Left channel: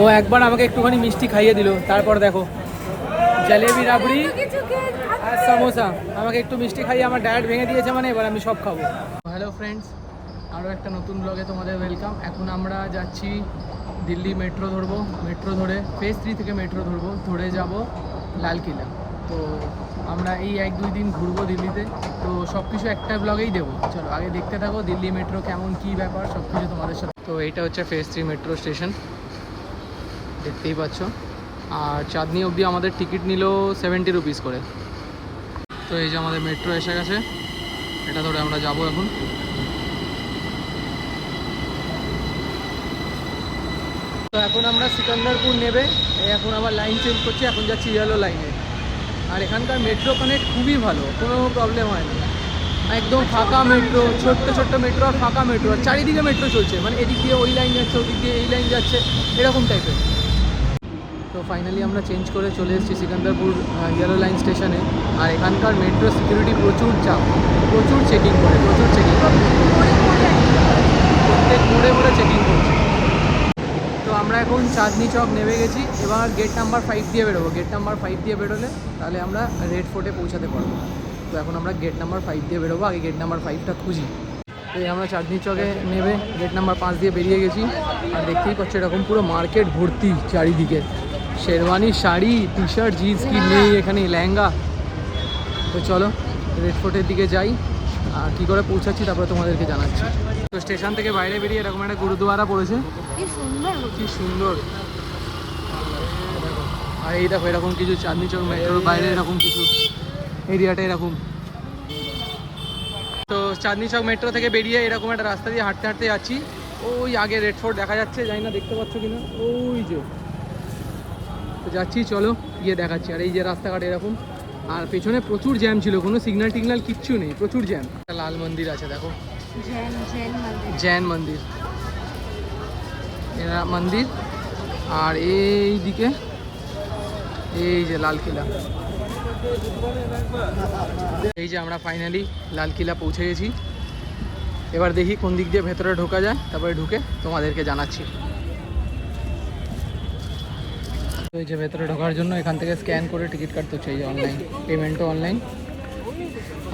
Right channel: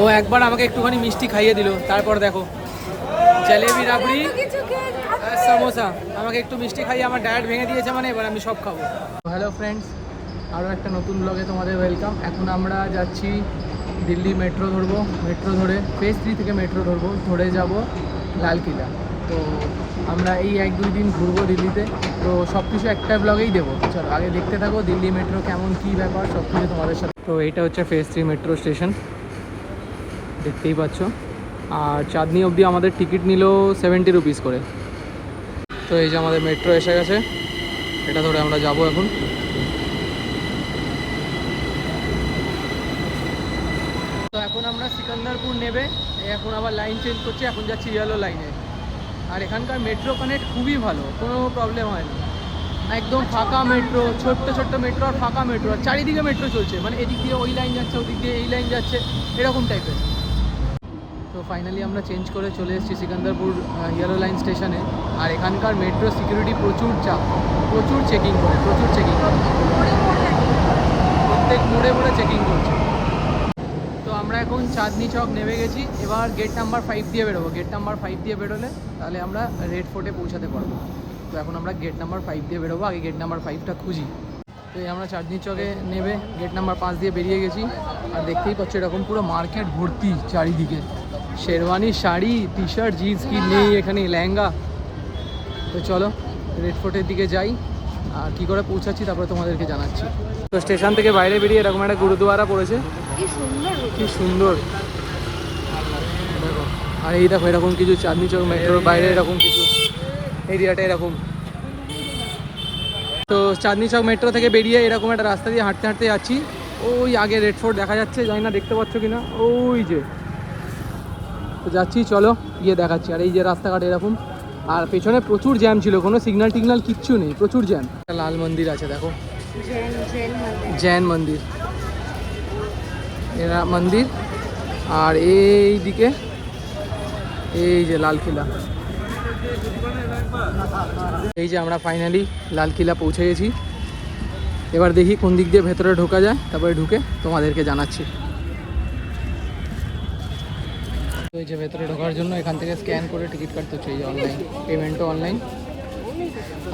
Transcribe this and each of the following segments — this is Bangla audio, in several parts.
ও একবার আমাকে একটুখানি মিষ্টি খাইয়ে দিল, তারপর দেখো জলেবি রাবড়ি আর সমোসা আমাকে একটু মিষ্টি খাইয়ে আমার ডায়েট ভেঙে দিয়েছে, মানে এবার আমি সব খাবো। হ্যালো ফ্রেন্ডস, আরও একটা নতুন ব্লগে তোমাদের ওয়েলকাম। এখন আমরা যাচ্ছি দিল্লি, মেট্রো ধরবো, মেট্রো ধরে ফেজ 3 থেকে মেট্রো ধরবো, ধরে যাব লালকিলা। তো আমরা এই 1-2 দিন ঘুরবো দিল্লিতে, তো সব কিছু একটা ব্লগেই দেবো। চলো আগে দেখতে থাকো দিল্লি মেট্রো কেমন, কী ব্যাপার, সব কিছু তোমাদের সাথে। তো এইটা হচ্ছে ফেজ 3 মেট্রো স্টেশন, দেখতেই পাচ্ছ। আর চাঁদনি অবধি আমাদের টিকিট নিল 70 রুপিস করে। তো এই যে আমাদের মেট্রো এসে গেছে, এটা ধরে আমরা যাব এখন। তো এখন আমরা সিকান্দারপুর নেবে, এখন আমার লাইন চেঞ্জ করছি, এখন যাচ্ছি ইয়েলো লাইনে। আর এখানকার মেট্রো কানেক্ট খুবই ভালো, কোনো প্রবলেম হয় না, একদম ফাঁকা মেট্রো, ছোট্ট ছোট্ট মেট্রো আর ফাঁকা মেট্রো, আর চারিদিকে মেট্রো চলছে, মানে এদিক দিয়ে ওই লাইন যাচ্ছে, ওদিক দিয়ে এই লাইন যাচ্ছে, এরকম টাইপের। তো ফাইনালি আমরা চেঞ্জ করে চলে এসেছি সিকান্দারপুর ইয়েলো লাইন স্টেশনে। আর এখানকার মেট্রো সিকিউরিটি প্রচুর চাপ, প্রচুর চেকিং করে, প্রচুর চেকিং করে, প্রত্যেক মোড়ে মোড়ে চেকিং করছে। তো আমরা এখন চাঁদনি চক নেমে গেছি, এবার গেট নাম্বার 5 দিয়ে বেরোবো। গেট নাম্বার 5 দিয়ে বেরোলে তাহলে আমরা রেড ফোর্টে পৌঁছাতে পারবো। তো এখন আমরা গেট নাম্বার 5 দিয়ে বেরোবো, আগে গেট নাম্বার 5টা খুঁজি। তো এই আমরা চাঁদনি চকে নেবে গেট নাম্বার 5 দিয়ে বেরিয়ে গেছি। আর দেখতেই করছে এরকম পুরো মার্কেট ভর্তি চারিদিকে, sherwani, sari, T shirt, jeans কি নেই এখানে, লেহেঙ্গা। তো চলো রেড ফোর্টের দিকে যাই, আর কী করে পৌঁছাচ্ছি তারপরে তোমাদেরকে জানাচ্ছি। তো স্টেশন থেকে বাইরে বেরিয়ে এরকম একটা গুরুদুয়ারা পড়েছে, কি সুন্দর, কি সুন্দর। আর এই দেখো এরকম কিছু চাঁদনি চক মেট্রোর বাইরে এরকম কিছু এরিয়াটা এরকম। তো চাঁদনি চক মেট্রো থেকে বেরিয়ে এরকম একটা রাস্তা দিয়ে হাঁটতে হাঁটতে যাচ্ছি। ওই আগে রেড ফোর্ট দেখা যাচ্ছে, জানি না দেখতে পাচ্ছ কিনা, ওই যে। তো যাচ্ছি, চলো গিয়ে দেখাচ্ছি। আর এই যে রাস্তাঘাট এরকম, আর পেছনে প্রচুর জ্যাম ছিল, কোনো সিগন্যাল টিগনাল কিচ্ছু নেই, প্রচুর জ্যাম। একটা লাল মন্দির আছে দেখো, জৈন মন্দির, এরা মন্দির। আর এই দিকে এই যে লালকিলা। এই যে আমরা ফাইনালি লালকিলা পৌঁছে গেছি। এবার দেখি কোন দিক দিয়ে ভেতরে ঢোকা যায়, তারপরে ঢুকে তোমাদেরকে জানাচ্ছি। এই যে ভেতরে ঢোকার জন্য এখান থেকে স্ক্যান করে টিকিট কাটতে হচ্ছে, এই যে অনলাইন পেমেন্টও অনলাইন।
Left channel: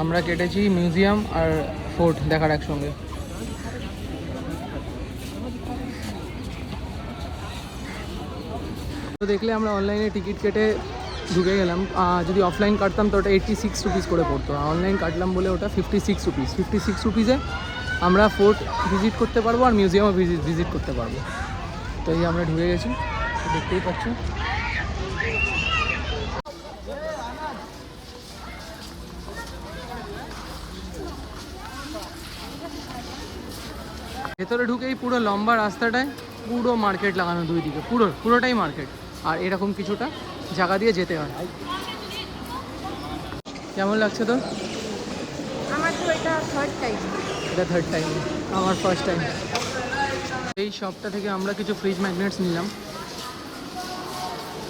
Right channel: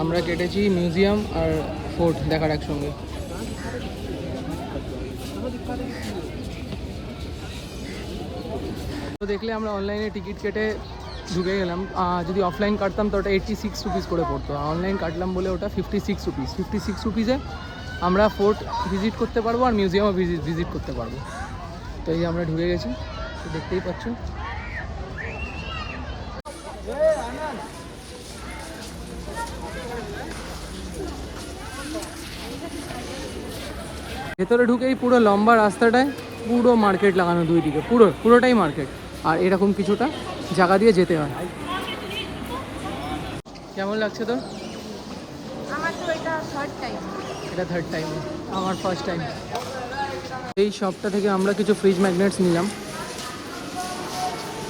আমরা কেটেছি মিউজিয়াম আর ফোর্ট দেখার একসঙ্গে। তো দেখলে আমরা অনলাইনে টিকিট কেটে ঢুকে গেলাম। যদি অফলাইন কাটতাম তো ওটা 86 রুপিস করে পড়তো, আর অনলাইন কাটলাম বলে ওটা 56 রুপিস। 56 রুপিসে আমরা ফোর্ট ভিজিট করতে পারবো আর মিউজিয়ামও ভিজিট করতে পারবো। তো এই আমরা ঢুকে গেছি, দেখতেই পাচ্ছ। ভেতরে ঢুকেই পুরো লম্বা রাস্তাটায় পুরো মার্কেট লাগানো, দুই দিকে পুরোটাই মার্কেট। আর এরকম কিছুটা জায়গা দিয়ে যেতে হয়। কেমন লাগছে তোর? আমার তো এটা থার্ড টাইম। এটা থার্ড টাইম, আমার ফার্স্ট টাইম। এই শপটা থেকে আমরা কিছু ফ্রিজ ম্যাগনেটস নিলাম।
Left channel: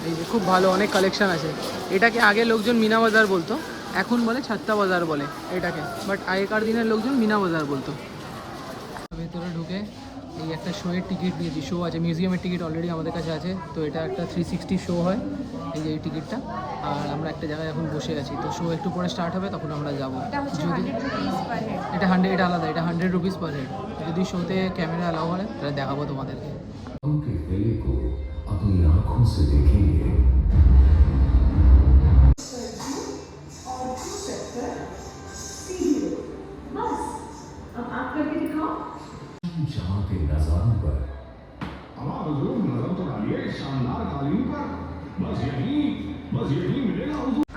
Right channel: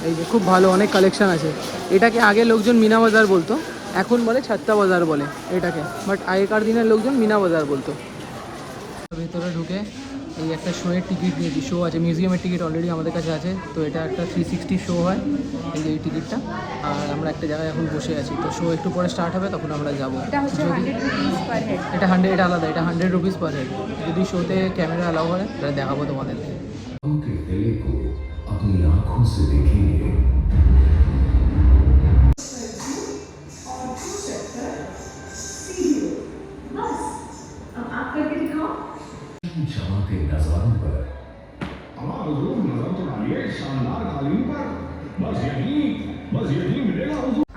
এই যে খুব ভালো, অনেক কালেকশন আছে। এটাকে আগে লোকজন মিনা বাজার বলতো, এখন বলে ছাত্তা বাজার বলে এটাকে, বাট আগেকার দিনের লোকজন মিনা বাজার বলতো। ভেতরে ঢুকে এই একটা শোয়ের টিকিট নিয়েছি, শো আছে, মিউজিয়ামের টিকিট অলরেডি আমাদের কাছে আছে। তো এটা একটা 360 শো হয়, এই যে এই টিকিটটা। আর আমরা একটা জায়গায় এখন বসে আছি, তো শো একটু পরে স্টার্ট হবে, তখন আমরা যাবো। এটা হচ্ছে 100 রুপিস পার হেড। এটা 100, এটা আলাদা, এটা 100 রুপিস পার হেড। যদি শোতে ক্যামেরা অ্যালাউ হয় এটা দেখাবো তোমাদেরকে।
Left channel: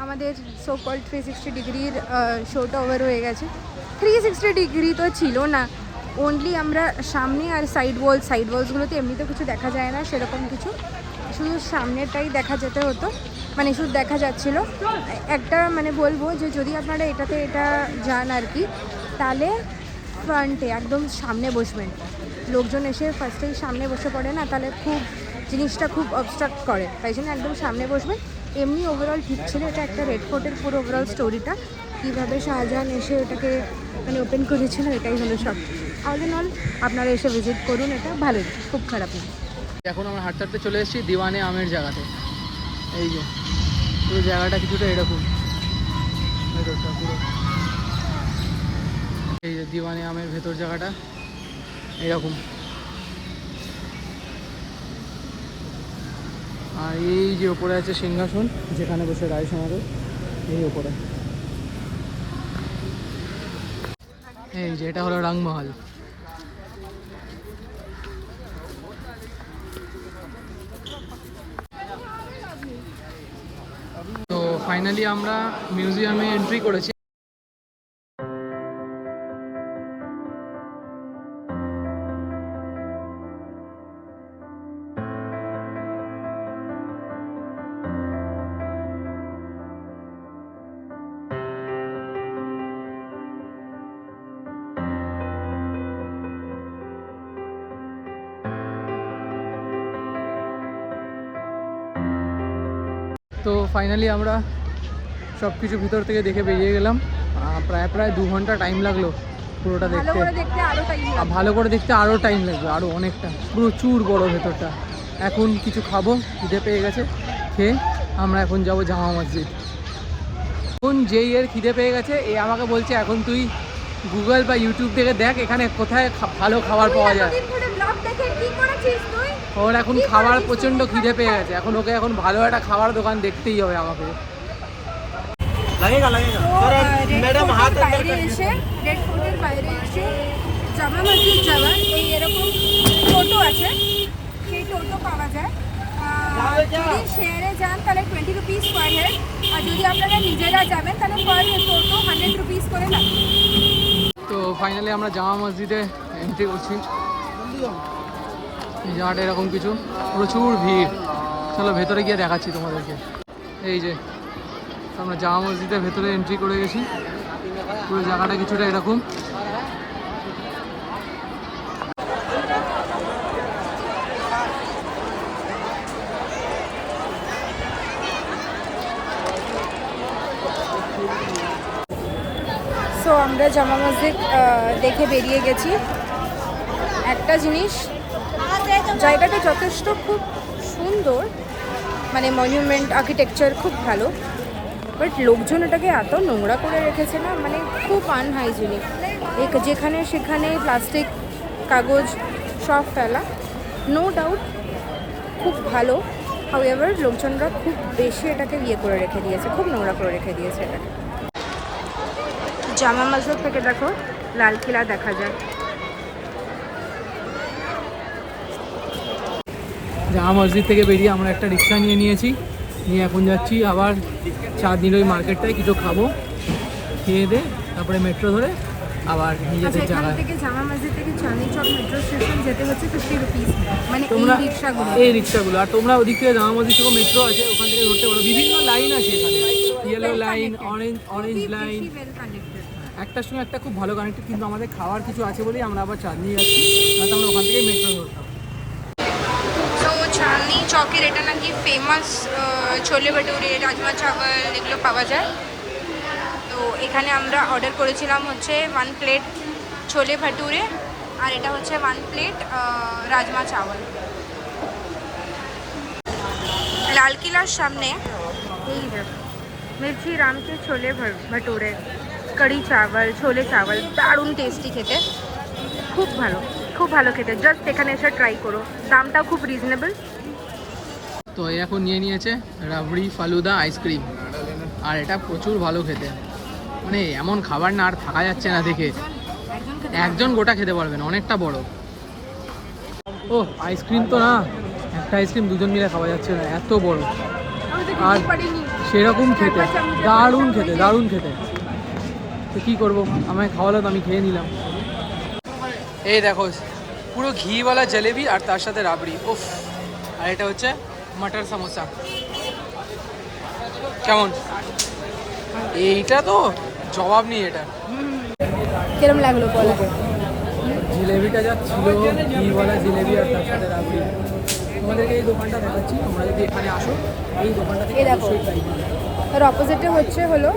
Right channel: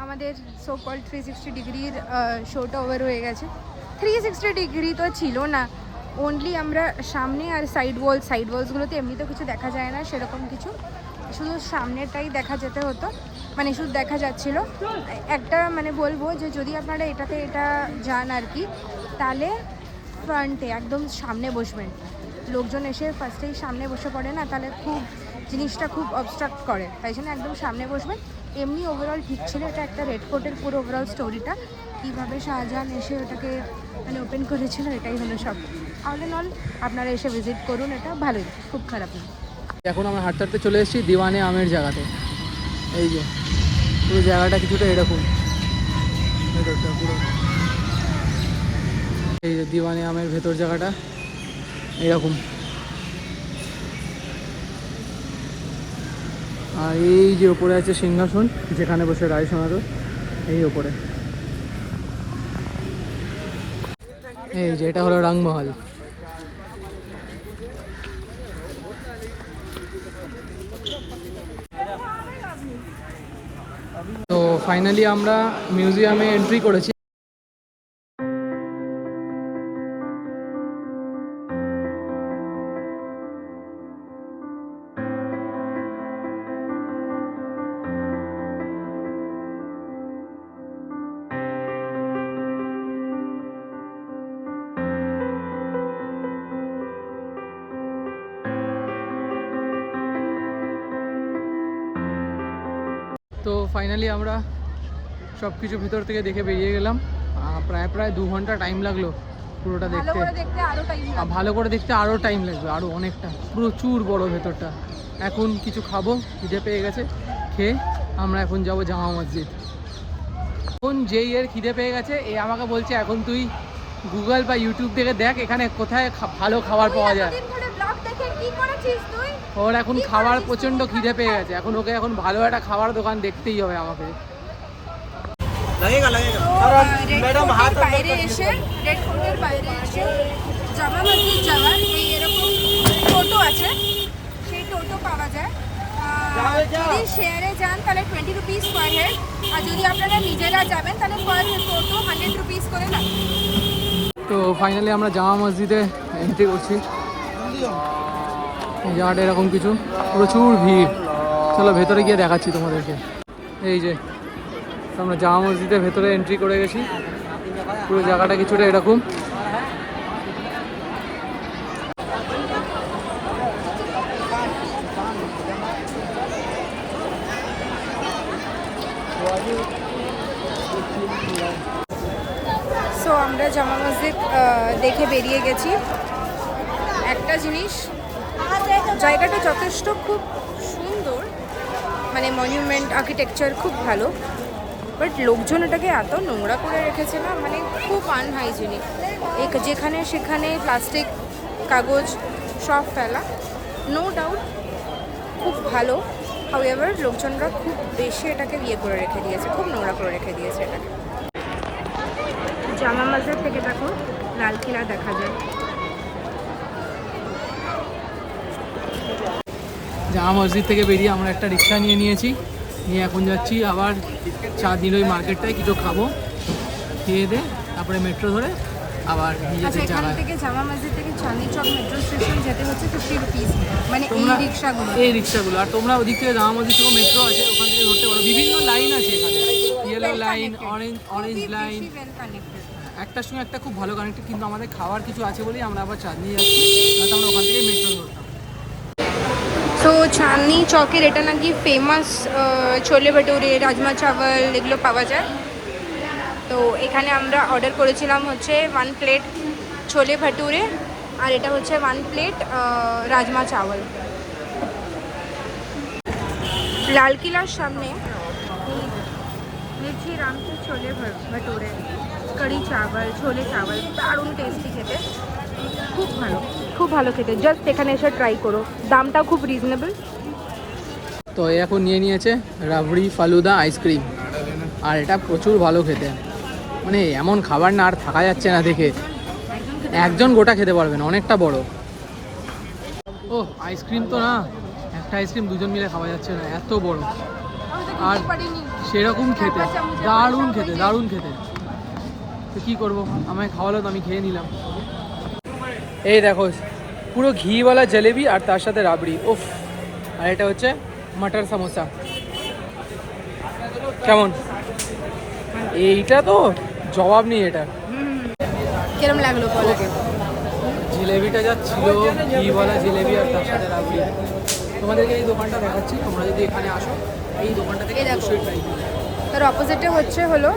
আমাদের সো কল্ড 360 ডিগ্রির শোটা ওভার হয়ে গেছে। 360 ডিগ্রি তো ছিল না, ওনলি আমরা সামনে আর সাইড ওয়ালসগুলোতে এমনিতে কিছু দেখা যায় না সেরকম কিছু, শুধু সামনেটাই দেখা যেতে হতো, মানে শুধু দেখা যাচ্ছিল। একটা মানে বলবো যে যদি আপনারা এটা যান আর কি, তাহলে ফ্রন্টে একদম সামনে বসবেন। লোকজন এসে ফার্স্টেই সামনে বসে পড়ে না, তাহলে খুব জিনিসটা খুব অবস্ট্রাক্ট করে, তাই জন্য একদম সামনে বসবেন। এমনি ওভারঅল ঠিক ছিল। এটা একটা রেড ফোর্টের পুরো ওভারঅল স্টোরিটা, কীভাবে শাহজাহান এসে ওটাকে মানে ওপেন করেছিল, এটাই হলো সব। অল ইন অল আপনারা এসে ভিজিট করুন, এটা ভালোই, খুব খারাপ না। এখন আমরা হাঁটতে হাঁটতে চলে এসেছি দিওয়ানে আমের জায়গাতে। এই যে পুরো জায়গাটা কিছুটা এরকম, ভেতরটা পুরো এই যে দিওয়ানে আমের ভেতর জায়গাটা এরকম। আর এই যে ওপরে আছে সিংহাসন, যেখানে বসে রায় শোনাতো, এই ওপরে। এই যে এটা হলো রাংমহল। তো ফাইনালি আমরা মিউজিয়ামে এন্ট্রি করেছি। তো ফাইনালি আমরা সব কিছু ভিতর থেকে দেখে বেরিয়ে গেলাম। প্রায় 2 ঘন্টা টাইম লাগলো পুরোটা দেখতে। ভালো করে দেখতে আরও টাইম লাগবে, আরও অনেকটা, প্রচুর বড় ভেতরটা। এখন কিছু খাবো, খিদে পেয়ে গেছে, খেয়ে আমরা এখন যাব জামা মসজিদ। এখন যেই এর খিদে পেয়ে গেছে এ আমাকে বলছে এখন তুই গুগল বা ইউটিউব থেকে দেখ এখানে কোথায় ভালো খাবার পাওয়া যায়। ওর এখন খাবার প্রচণ্ড খিদে পেয়ে গেছে, এখন ওকে এখন ভালো একটা খাবার দোকান দেখতেই হবে আমাকে। রেড ফোর্টের বাইরে এসে জামা মসজিদ যাওয়ার এই এরকম টোটো আছে, সেই টোটো পাওয়া যায়। যদি শেয়ারে যান তাহলে 20 রুপিস পার হেড, আর যদি আপনারা নিজেরা যাবেন তাহলে পার টোটো 100 রুপিস করে লাগবে। তো ফাইনালি আমরা জামা মসজিদে এন্ট্রি করছি। এই জায়গাটা এরকম কিছু, প্রচুর ভিড়। চলো ভেতরে গিয়ে দেখাচ্ছি তোমাদেরকে। এই যে আমরা জামা মসজিদের ভেতরে এন্ট্রি করে গেছি। পুরো জায়গাটা কিছুটা এরকম। সো আমরা জামা মসজিদ দেখে বেরিয়ে গেছি। একটা জিনিস, জায়গাটা যথেষ্ট খুব সুন্দর, মানে মনিউমেন্ট আর্কিটেকচার খুব ভালো, বাট লোকজন এটাকে এত নোংরা করে রেখেছে না, মানে খুব আনহাইজেনিক। যেখানে সেখানে প্লাস্টিক, কাগজ সব ফেলা। নো ডাউট খুব ভালো, হাউএভার লোকজনরা খুব বেশি এটাকে করে রেখে দিয়েছে, খুব নোংরা করে রেখে দিয়েছে এটাকে। জামা মসজিদ থেকে দেখো লাল কিলা দেখা যায়। জামা মসজিদ থেকে বেরিয়ে আমরা একটা রিক্সা নিয়েছি, নিয়ে এখন যাচ্ছি আবার চাঁদনির ওই মার্কেটটায় কিছু খাবো, খেয়ে দে তারপরে মেট্রো ধরে আবার নিজেদের জায়গায়। জামা মসজিদ থেকে চাঁদনি চক মেট্রো স্টেশন যেতে হচ্ছে 50 রুপিস, মানে তোমরা এই রিক্সাগুলো। আর তোমরা ওদিক থেকে জামা মসজিদ থেকে মেট্রো আছে, ওখান থেকে ধরতে পারো। বিভিন্ন লাইন আছে এখানে, ইয়েলো লাইন, অরেঞ্জ লাইন, একটার সঙ্গে একটা খুব ভালো কানেক্টেড। কিন্তু আমাদের খাওয়ার কিছু আছে বলেই আমরা আবার চাঁদনি যাচ্ছি, না তো আমরা ওখান থেকে মেট্রো ধরতাম। তো চাঁদনি চকের এটা নাকি ফেমাস ছোলে ভটুরে, রাজমা চাওয়াল এগুলো পাওয়া যায়। তো এখানে আমরা অর্ডার করেছিলাম হচ্ছে 1 প্লেট ছোলে ভটুরে, আর এটা হচ্ছে 1 প্লেট রাজমা চাওয়াল। লালকিলার সামনে মির্চি রামকি ছোলে ভটুরে, কড়ি চাওয়াল, ছোলে চাওয়াল, দারুণ টেস্টি খেতে, খুব ভালো খেতে। জাস্ট এখানে এসে ট্রাই করো, দামটাও খুব রিজনেবল। তো এখন নিয়েছে রাবড়ি ফালুদা আইসক্রিম, আর এটা প্রচুর ভালো খেতে। মানে এমন খাবার না আর থাকা যাচ্ছে না দেখে, একজন গোটা খেতে পারবে না, অনেকটা বড়। ও আইসক্রিম তো না, একটা আইসক্রিম দুজন মিলে খাওয়া যাচ্ছে না, এত বড়। আর সেরকম খেতে, দারুণ খেতে। তো কী করবো, আমায় খাওয়ালো তো আমি খেয়ে নিলাম। এই দেখো পুরো ঘিওয়ালা জলেবি আর তার সাথে রাবড়ি, উফ। আর এটা হচ্ছে মটর সমোসা। কেমন? এইটা তো জবাব নেই এটা। কিরম লাগলো বলো? জিলেবিটা যা ছিল, ঘিওয়ালা জিলেবি আর তার সাথে রাবড়ি। তোমাদেরকে এই দোকানটা দেখাচ্ছি, তোমরা যদি এখানে আসো এই দোকানটা থেকে অবশ্যই ট্রাই করবে। তার অপোজিটে হলো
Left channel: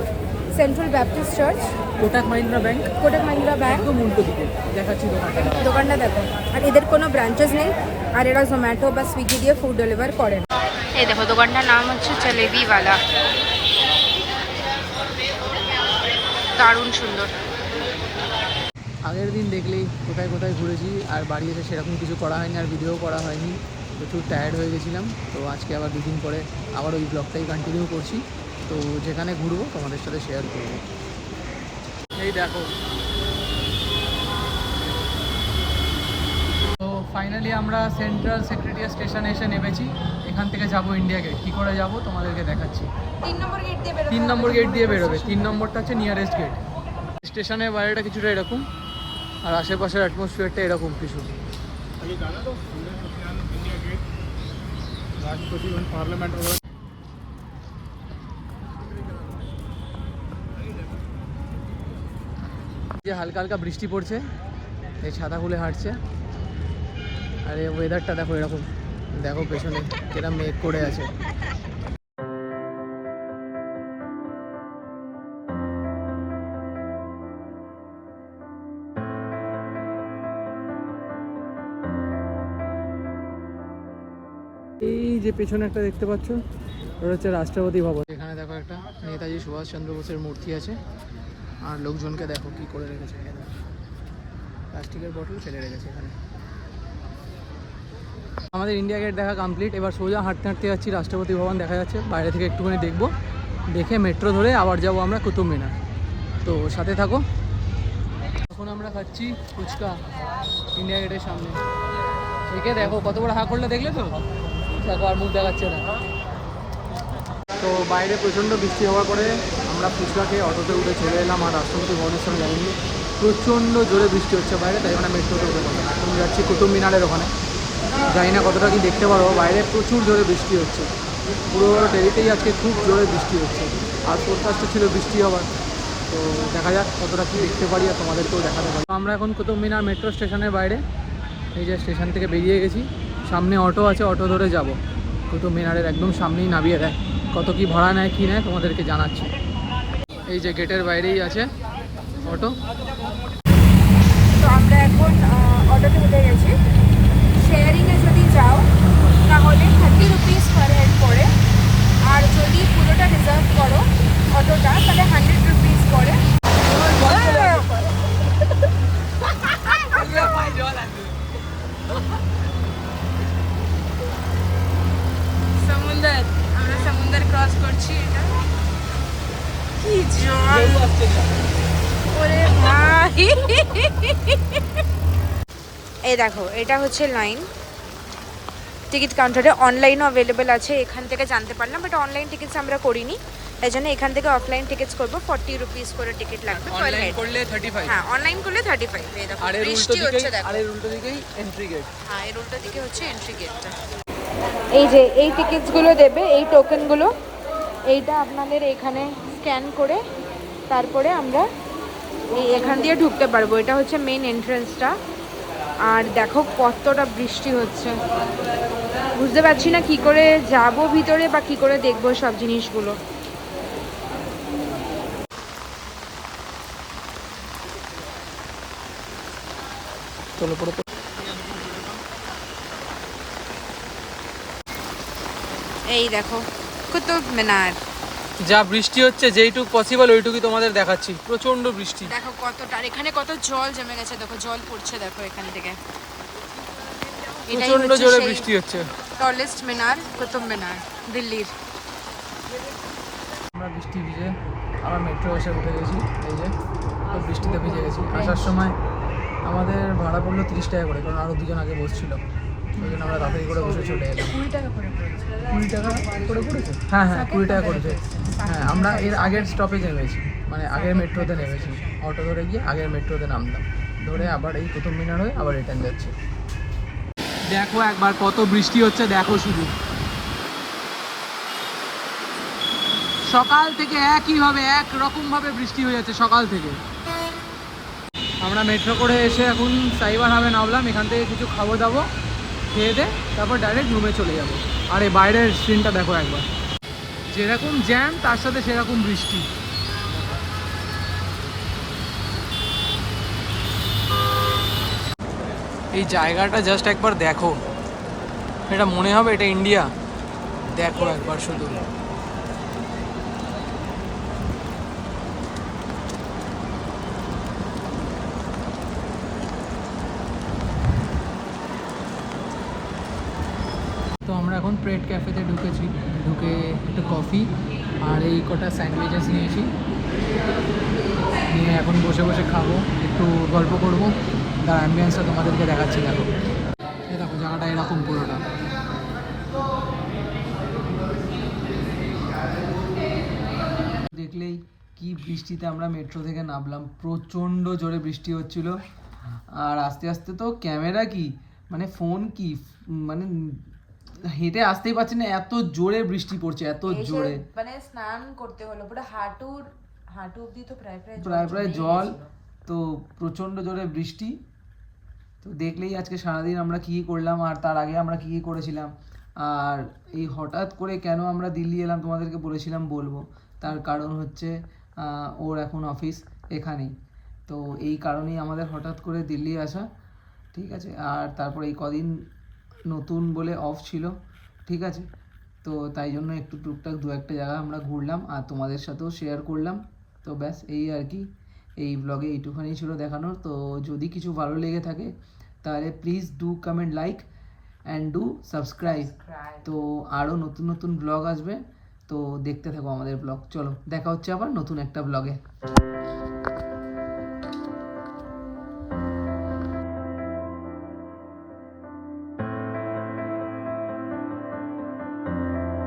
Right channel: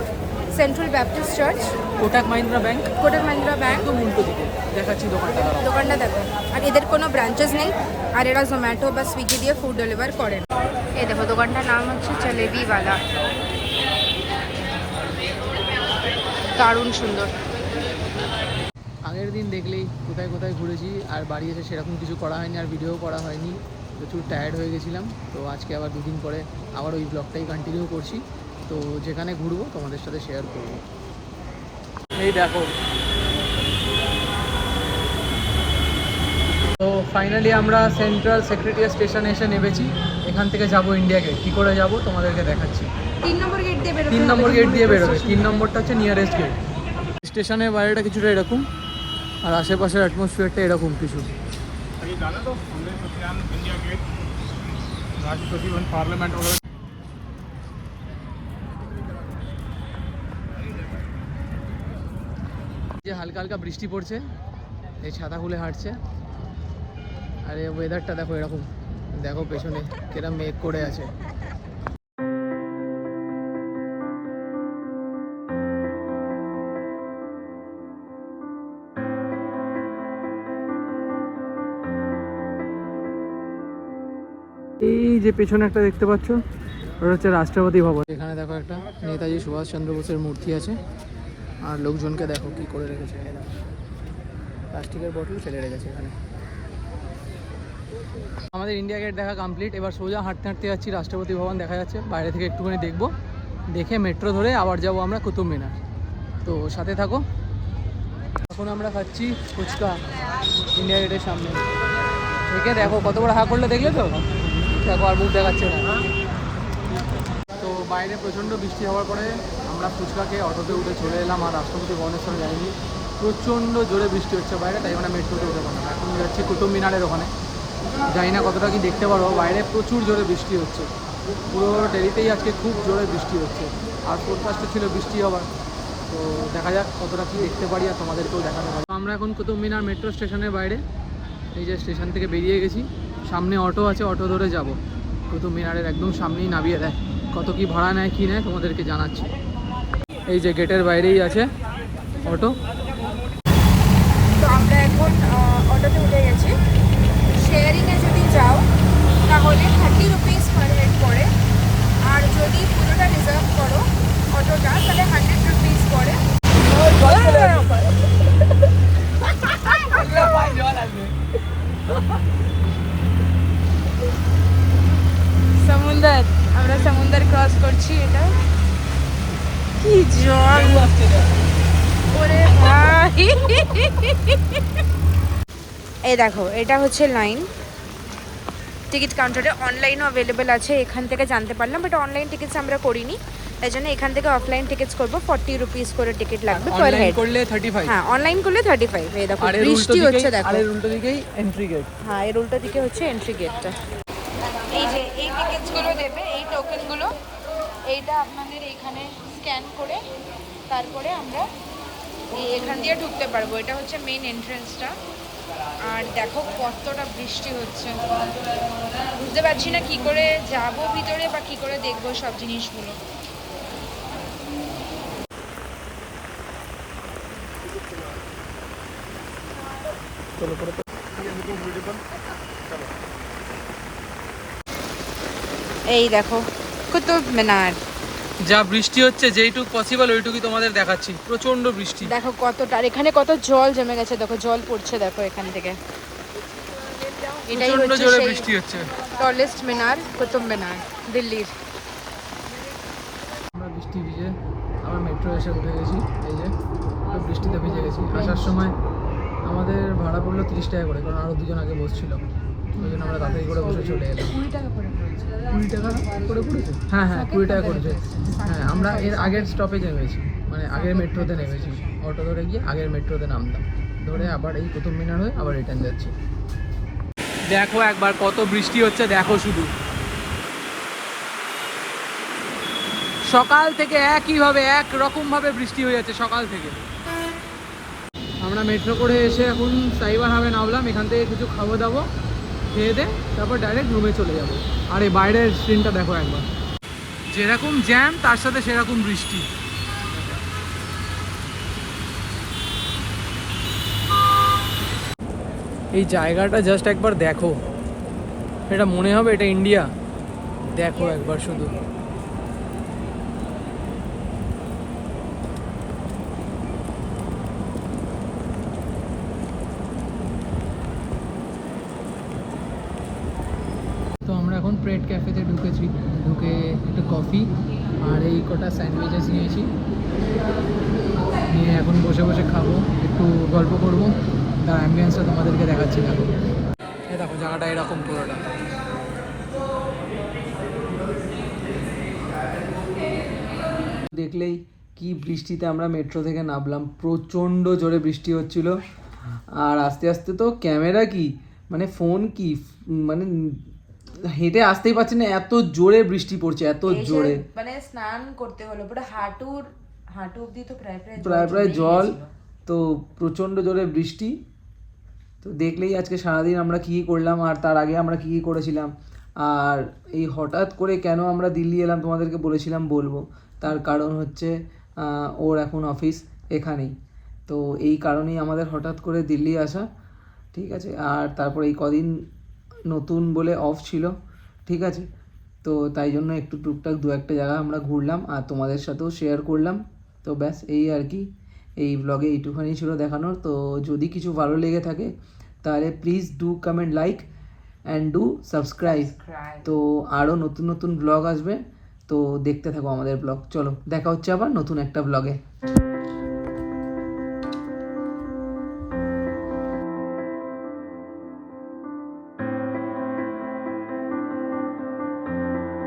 central Baptist church. Kotak Mahindra bank Kotak Mahindra bank. একদম উল্টো দিকে দেখাচ্ছি দোকানটা। দোকানটা দেখো, আর এদের কোনো ব্রাঞ্চেস নেই, আর এরা জোম্যাটো বা সুইগি দিয়ে ফুড ডেলিভার করেন। এই দেখো দোকানটার নাম হচ্ছে জলেবিওয়ালা, দারুণ সুন্দর। আগের দিন দেখলেই কোথায় কোথায় ঘুরেছি, আর বাড়ি এসে সেরকম কিছু করা হয়নি, আর ভিডিও করা হয়নি, প্রচুর টায়ার্ড হয়ে গেছিলাম। তো আজকে আবার 2 দিন পরে আবার ওই ব্লগটাই কন্টিনিউ করছি। তো যেখানে ঘুরবো তোমাদের সাথে শেয়ার করবো। এই দেখো, তো ফাইনালি আমরা সেন্ট্রাল সেক্রেটারিয়েট স্টেশনে এসে নেমেছি। এখান থেকে যাব ইন্ডিয়া গেট। কী করে যাব তোমাদেরকে দেখাচ্ছি। 3 নম্বর গেট দিয়ে বেরোবে। 3 নম্বর গেট দিয়ে বেরোবে। 3 নম্বরটা হচ্ছে নিয়ারেস্ট গেট। স্টেশনের বাইরেটা কিছুটা এরকম, আর আশেপাশের অ্যাটমসফিয়ারটা এরকম কিছু। যে হালকা হালকা বৃষ্টি পড়ছে, এই ছাতা খুলে হাঁটছে, আর এই ওয়েদারটা দেখো এরকম। দেখো পেছনে কিরম মেঘ করে আছে। এই যে পেছনে একটা দেখতে পাচ্ছ, ওটা হচ্ছে রাষ্ট্রপতি ভবন। এখানে দেখো একটা নেতাজি সুভাষচন্দ্র বোসের মূর্তি আছে, আর লোকজনকে দেখো কি করে রেখেছে। প্লাস্টিকের বোতল ফেলে রেখেছে এখানে। আমাদের ইন্ডিয়া গেট দেখা কমপ্লিট। এবার সোজা হাঁটতে হাঁটতে যাচ্ছি রাষ্ট্রপতি ভবন দেখা যাচ্ছে। বাইরে থেকে একটুখানি দেখবো, দেখে মেট্রো ধরে আবার যাব আমরা কুতুব মিনার। তো সাথে থাকো। এখন আমরা খাচ্ছি ফুচকা ইন্ডিয়া গেটের সামনে। দেখে দেখো কত বড় হা করলে, দেখলে তো দেখো, আর মুখ দেখাচ্ছে না। তো বাইরে প্রচণ্ড বৃষ্টি হওয়ার পরে আমরা ফুচকা খেয়ে অটোতে উঠে চলে এলাম, আর রাষ্ট্রপতি ভবনের সঙ্গে যাইনি। প্রচণ্ড জোরে বৃষ্টি হচ্ছে বাইরে, তাই আমরা মেট্রোতে উঠে পড়লাম। এখন যাচ্ছি কুতুব মিনারের ওখানে। জানি না কতটা কি দেখতে পারবো, বাইরে প্রচুর জোরে বৃষ্টি হচ্ছে। পুরো ডেলিতেই আজকে খুব জোরে বৃষ্টি হচ্ছে, আর ফোরকাস্টটা ছিল বৃষ্টি হওয়ার। তো দেখা যাক কতটা কি দেখতে পারি, আর তোমাদেরকেও দেখাতে পারি। আমরা এখন কুতুব মিনার মেট্রো স্টেশনের বাইরে। এই যে স্টেশন থেকে বেরিয়ে গেছি, সামনে অটো আছে, অটো ধরে যাব। কুতুব মিনারের একদম সামনেই নামিয়ে দেয়। কত কি ভাড়া নেয় কি নেয় তোমাদেরকে জানাচ্ছি। এই যে গেটের বাইরেই আছে অটো। তো আমরা এখন অটোতে উঠে গেছি। শেয়ারিংয়ে যদি যাও তাহলে 30 রুপিস পার হেড পড়ে, আর যদি পুরোটা রিজার্ভ করো অটোটা তাহলে 100 রুপিস পড়ে। সমুদ্র, আমরা সমুদ্র ক্রস করছি। এটা কি জল, ওরে ভাই। এই দেখো, এটা হচ্ছে লাইন টিকিট কাউন্টারে। অনলাইনও অ্যাভেলেবেল আছে, এখান থেকে জানতে পারলাম, বাট অনলাইন টিকিটস আমরা করিনি, তাই জন্য এখান থেকে অফলাইন টিকিটস করবো। 40 রুপিস করে টিকিট লাগবে পার হেড। হ্যাঁ, অনলাইন করলে 35। এই দেখো বৃষ্টি হচ্ছে, দেখো। আর এর উল্টো দিকেই এন্ট্রি গেট। হ্যাঁ, এর উল্টো দিকে হচ্ছে এন্ট্রি গেটটা। এই যে এই টিকিটসগুলো দেবে, এই টোকেনগুলো, এইটা আপনাদের এখানে স্ক্যান করে তারপরে আমরা এই এখান দিয়ে ঢুকতে পারবো। এটা হচ্ছে মেইন এন্ট্রান্সটা। আর দেখো কতটা বৃষ্টি হচ্ছে, বুঝতে পারছি না কি করে যাব ভিতরে বা কি করে দেখবো সব জিনিসগুলো। এই দেখো কুতুব মিনার। যা বৃষ্টি হচ্ছে, যেইটুকু পসিবল ওইটুকু তোমাদের দেখাচ্ছি। প্রচন্ড বৃষ্টি দেখো কতটা, আর এখানে কত জল জমে গেছে, দেখো জল পড়ছে দেখো এখান থেকে। এটাই প্রচন্ড হচ্ছে জোরে সেই বৃষ্টি হচ্ছে। টলেস্ট মিনার, কুতুব মিনার, দিল্লির। আমরা বৃষ্টি ভিজে আবার মেট্রো এসে উঠে গেছি। এই যে তো বৃষ্টিতে ভিজে গেছি। আসার সময় আমাদের ভাড়া পড়লো 30 টাকা করে, কারণ আরও 2জন আগে বসছিল, ওই জন্য আমরা তাড়াতাড়ি করে বসে চলে এলাম। 20 টাকা করে পড়েছে। 20 টাকা করে পড়েছে? হ্যাঁ হ্যাঁ, 20 টাকা করেছে। হ্যাঁ, আমরা এর আগের স্টপেজে নেমেছি, মানে আগের মেট্রোতে নেমেছি। অটো ধরে গিয়ে আগের মেট্রোতে নামলাম, ধরে আবার এই কুতুব মিনার হয়ে আবার রিটার্ন যাচ্ছি। দেখো একবার কত বৃষ্টি হচ্ছে, দেখো শুধু। সকাল থেকে একইভাবে একরকমভাবে বৃষ্টি হয়ে যাচ্ছে সকাল থেকে। আমরা মেট্রো করে এসে এখন সাইবার হাবে নামলাম। এখান থেকে কিছু খাবো দাবো, খেয়ে দে, তারপর ডাইরেক্ট রুমে চলে যাব। আর এই বাইরের স্ক্রিনটা দেখো একবার, যেরকম জ্যাম তার সাথে সেরকম বৃষ্টি। এই জায়গাটা জাস্ট একবার দেখো, এটা মনে হবে এটা ইন্ডিয়া। দেখো একবার শুধু। তো আমরা এখন প্রেড ক্যাফেতে ঢুকেছি, ঢুকে একটা কফি আর এই কটা স্যান্ডউইচেস নিয়েছি, নিয়ে এখন বসে বসে খাবো, একটু গল্প করবো। তার অ্যাম্বিয়েন্সটা তোমাদেরকে দেখাচ্ছি। দেখো এই দেখো জায়গাটা এরকম পুরোটা। দেখলেই কি বৃষ্টিতে আমরা মেট্রো থেকে নামলাম, প্রচণ্ড জোরে বৃষ্টি হচ্ছিল। আর আস্তে আস্তে তো ক্যামেরা কি মানে ফোন কি মানে হেঁটে আসতেই পারছি না, এত জোরে বৃষ্টি পড়ছে, এত জোরে। মানে স্নান করতে হলো পুরো হাঁটু অবধি, তো প্রায় প্রায় জল। তো প্রচণ্ড জোরে বৃষ্টি। তো দেখলেই আজকে সারাদিন আমরা কী করলাম আর তার আগে আমরা কী করেছিলাম। আর এই হঠাৎ করে কেন আমরা দিল্লি এলাম তোমাদেরকে বলেছিলাম বলবো, তার কারণ হচ্ছে ওর এখন অফিস এখানেই। তো এই কারণেই আমাদের হঠাৎ করে দিল্লি আসা, ঠিক আছে। আর তারপর এই কদিন নতুন বলে অফ ছিল, ঠিক আছে। তো তাই জন্য একটু টুকটাক দু একটা জায়গা আমরা ঘুরলাম আর তোমাদের সাথেও শেয়ার করলাম। তো ব্যাস এই আর কি, এই ব্লগে এইটুখানি ছিল দেখানোর। তো যদি কিছু ভালো লেগে থাকে তাহলে please do comment, like and do subscribe. তো আরও নতুন নতুন ব্লগ আসবে, তো দেখতে থাকো আমাদের ব্লগ। চলো দেখা হচ্ছে আবার নতুন একটা ব্লগে।